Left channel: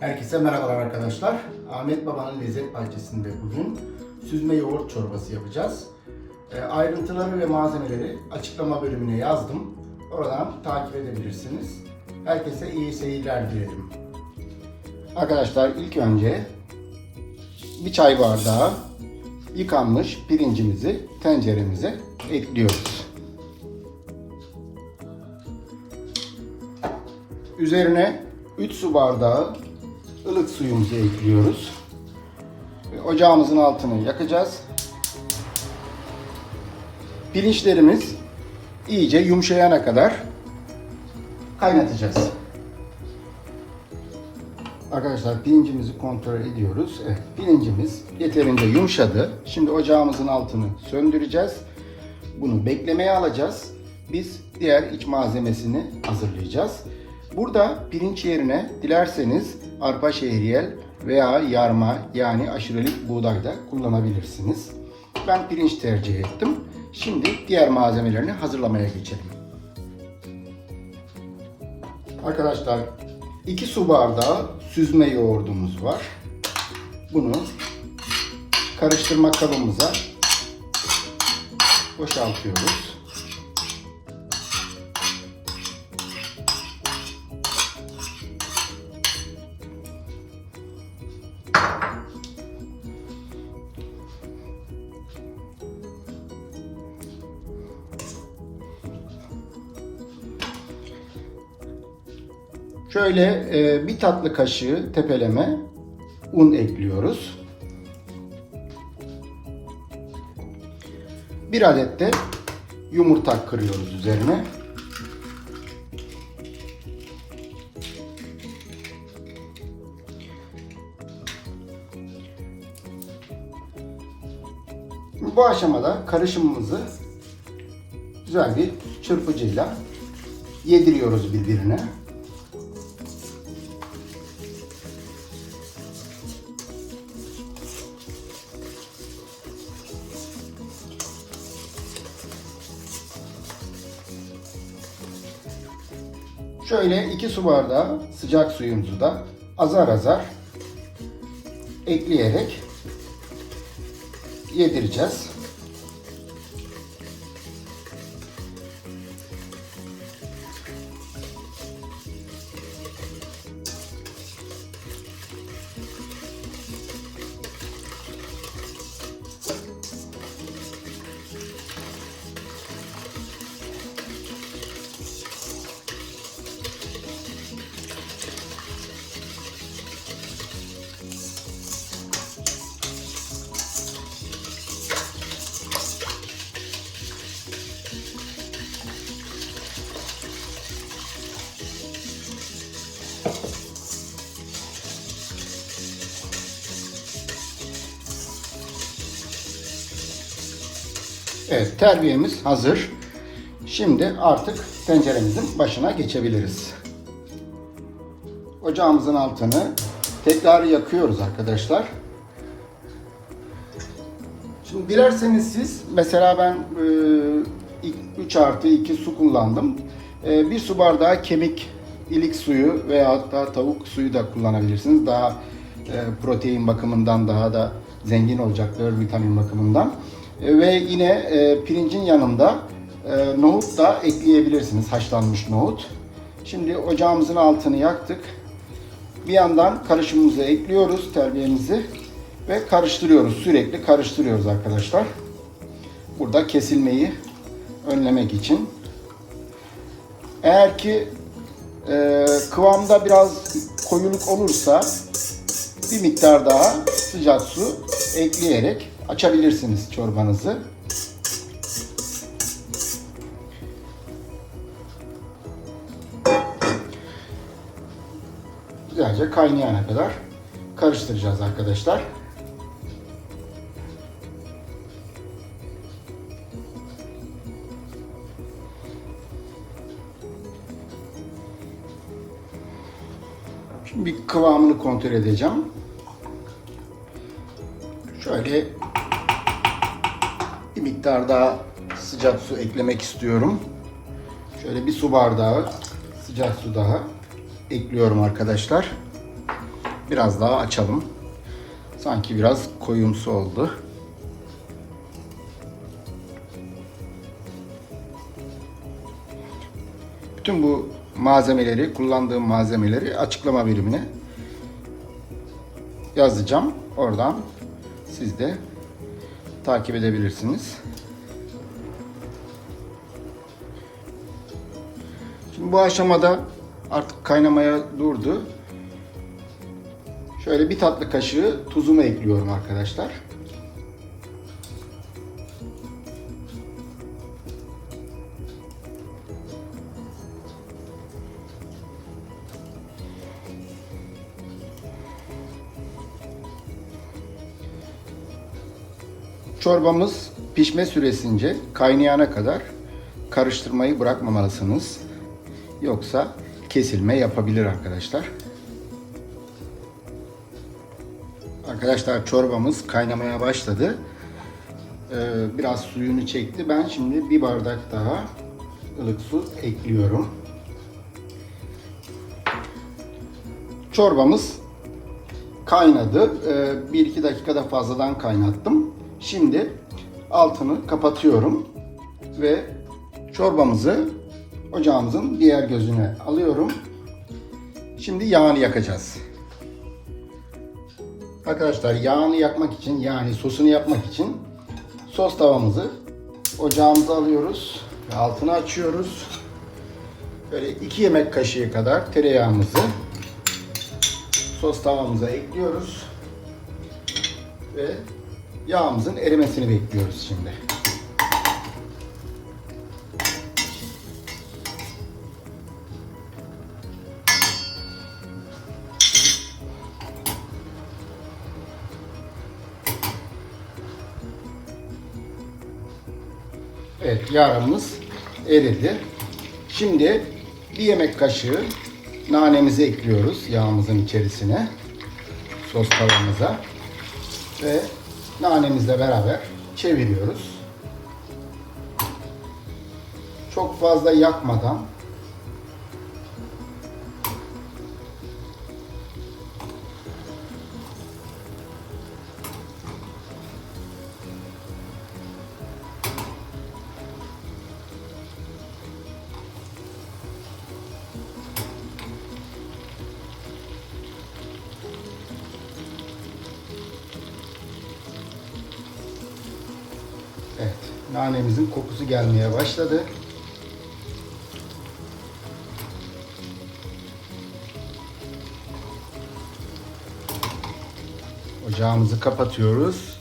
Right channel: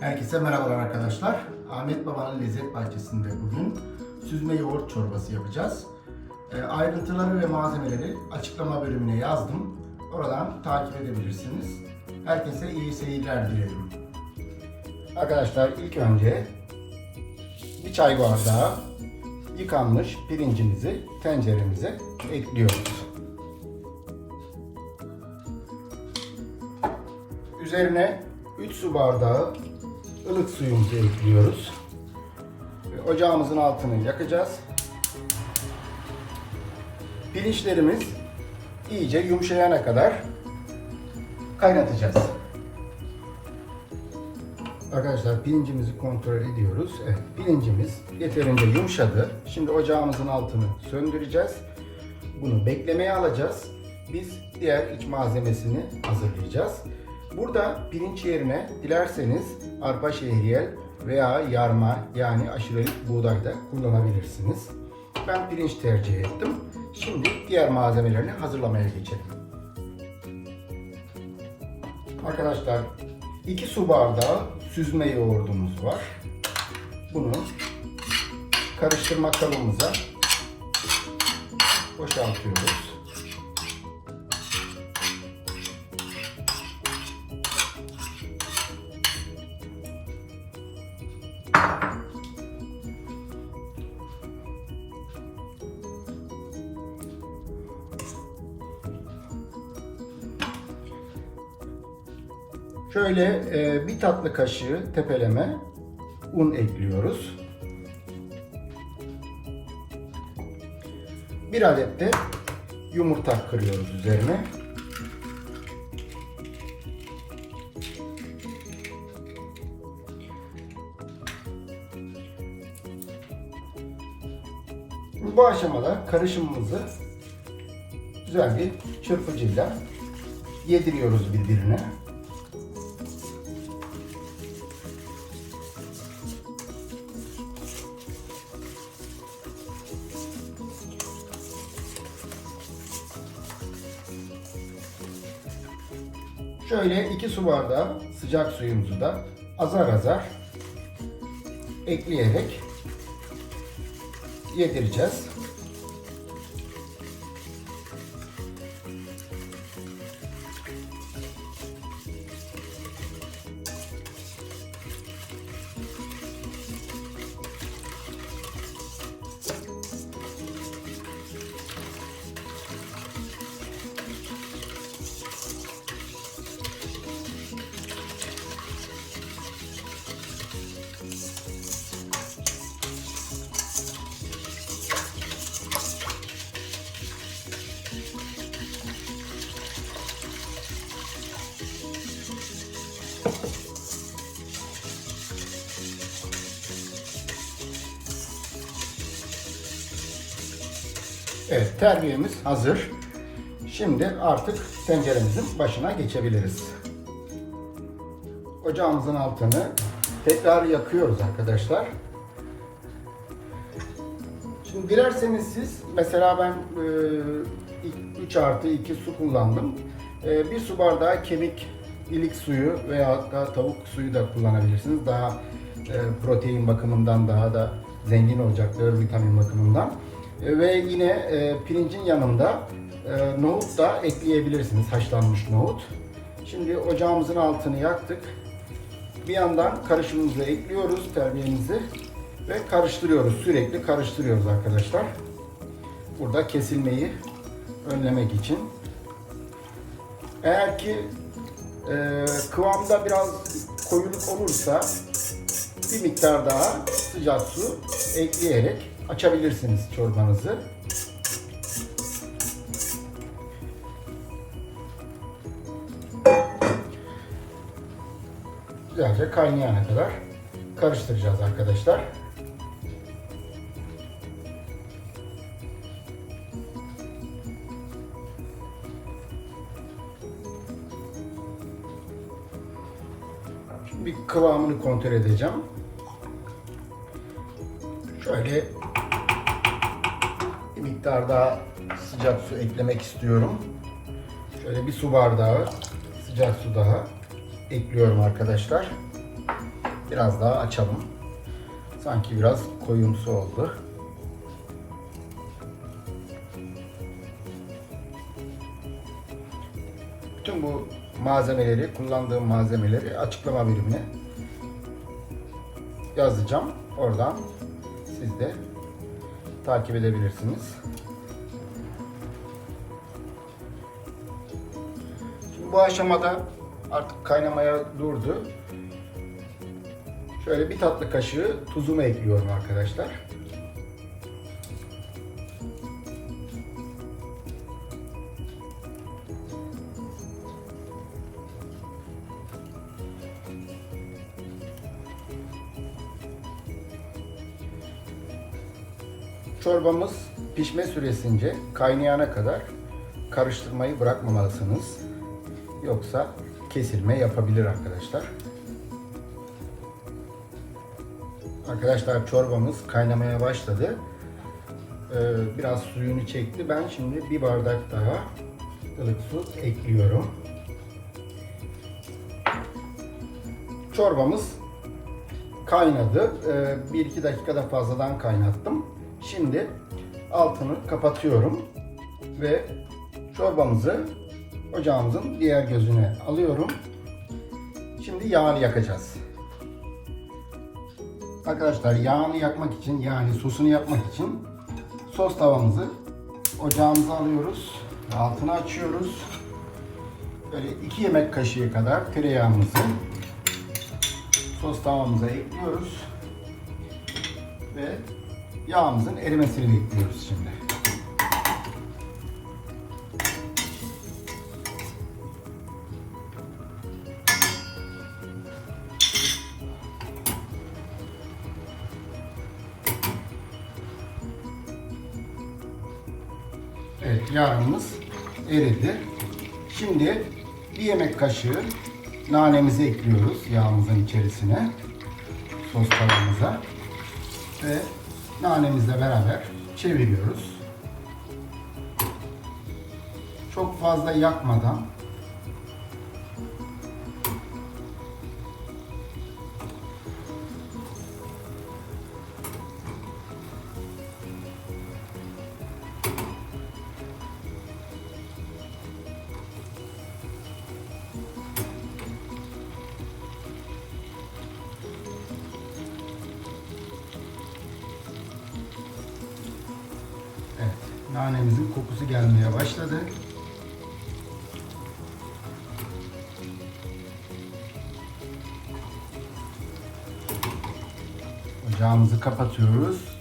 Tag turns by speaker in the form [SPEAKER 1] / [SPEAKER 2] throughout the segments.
[SPEAKER 1] Herkese merhabalar arkadaşlar. Ahmet Baba'nın lezzet bahçesinde bugün süzme yoğurt çorbası yapacağız. E, ayrıntıları ve malzemeleri açıklama bölümüne yazdım. Oradan takip edebilirsiniz. Herkese iyi seyirler dilerim. Arkadaşlar ilk önce bir çay bardağı yıkanmış pirincimizi tenceremize ekliyoruz. Üzerine 3 su bardağı ılık suyumuzu ekliyoruz. Ocağımızın altını yakacağız. Pirinçlerimiz iyice yumuşayana kadar kaynatacağız. Arkadaşlar pirincimizi kontrol ediyoruz. Evet, pirincimiz yeterince yumuşadı. Şimdi ocağımızın altını söndüreceğiz. Bunu beklemeye alacağız. Biz diğer iç malzemesini hazırlayacağız. Burada pirinç yerine dilerseniz arpa şehriyel veya yarma yani aşurelik buğday da kullanabilirsiniz. Ben pirinç tercih ettim. Şimdi diğer malzemelerini hazırlamaya geçelim. Arkadaşlar 2 su bardağı süzme yoğurdumuz var. Bunu karıştırma kabımıza boşaltıyoruz. Şöyle e, bir tatlı kaşığı tepeleme un ekliyoruz. Bir adet de yumurta kırıyoruz üzerine. Bu aşamada karışımımızı güzel bir çırpıcıyla yediriyoruz birbirine. Şöyle 2 su bardağı sıcak suyumuzu da azar azar ekleyerek yedireceğiz. Evet, terbiyemiz hazır. Şimdi artık tenceremizin başına geçebiliriz. Ocağımızın altını tekrar yakıyoruz arkadaşlar. Şimdi dilerseniz siz, mesela ben e, 3 artı 2 su kullandım. E, bir su bardağı kemik ilik suyu veya hatta tavuk suyu da kullanabilirsiniz. Daha e, protein bakımından daha da zengin olacaktır vitamin bakımından. E, ve yine e, pirincin yanında e, nohut da ekleyebilirsiniz, haşlanmış nohut. Şimdi ocağımızın altını yaktık. Bir yandan karışımımızı ekliyoruz, terbiyemizi ve karıştırıyoruz. Sürekli karıştırıyoruz arkadaşlar. Burada kesilmeyi önlemek için. Eğer ki e, kıvamda biraz koyuluk olursa bir miktar daha sıcak su ekleyerek açabilirsiniz çorbanızı. Güzelce kaynayana kadar karıştıracağız arkadaşlar. Şimdi bir kıvamını kontrol edeceğim. Şöyle bir miktar daha sıcak su eklemek istiyorum. Şöyle bir su bardağı sıcak su daha ekliyorum arkadaşlar. biraz daha açalım. Sanki biraz koyumsu oldu. Bütün bu malzemeleri, kullandığım malzemeleri açıklama birimine yazacağım. Oradan siz de takip edebilirsiniz. Şimdi bu aşamada artık kaynamaya durdu. Şöyle bir tatlı kaşığı tuzumu ekliyorum arkadaşlar. Çorbamız pişme süresince kaynayana kadar karıştırmayı bırakmamalısınız. Yoksa kesilme yapabilir arkadaşlar. Arkadaşlar çorbamız kaynamaya başladı. Ee, biraz suyunu çekti. Ben şimdi bir bardak daha ılık su ekliyorum. Çorbamız kaynadı. Ee, 1-2 dakikada fazladan kaynattım. Şimdi altını kapatıyorum ve çorbamızı ocağımızın diğer gözüne alıyorum. Şimdi yağını yakacağız. Arkadaşlar yağını yakmak için yani sosunu yapmak için sos tavamızı ocağımıza alıyoruz altını açıyoruz. Böyle 2 yemek kaşığı kadar tereyağımızı sos tavamıza ekliyoruz ve yağımızın erimesini bekliyoruz şimdi. Evet yağımız eridi. Şimdi bir yemek kaşığı nanemizi ekliyoruz yağımızın içerisine. Sos tavamıza. Ve nanemizle beraber çeviriyoruz. Çok fazla yakmadan nanemizin kokusu gelmeye başladı. Ocağımızı kapatıyoruz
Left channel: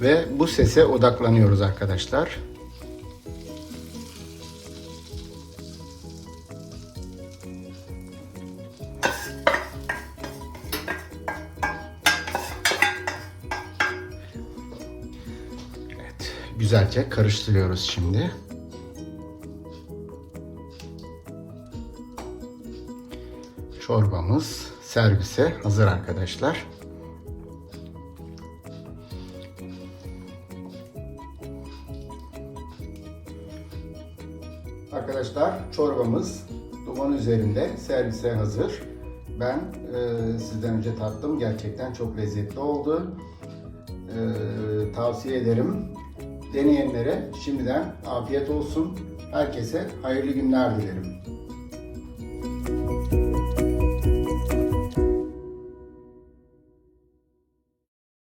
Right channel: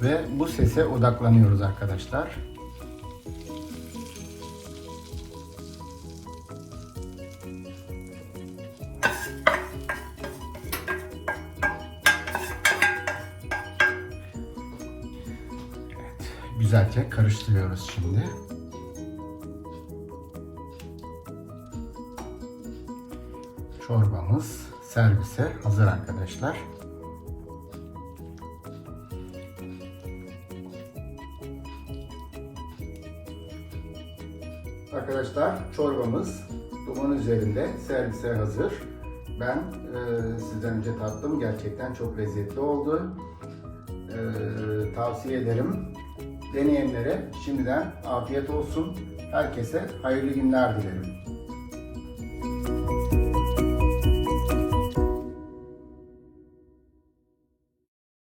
[SPEAKER 1] ve bu sese odaklanıyoruz arkadaşlar. Güzelce karıştırıyoruz şimdi. Çorbamız servise hazır arkadaşlar. Arkadaşlar çorbamız duman üzerinde servise hazır. Ben e, sizden önce tattım. Gerçekten çok lezzetli oldu. E, tavsiye ederim. Deneyenlere şimdiden afiyet olsun. Herkese hayırlı günler dilerim.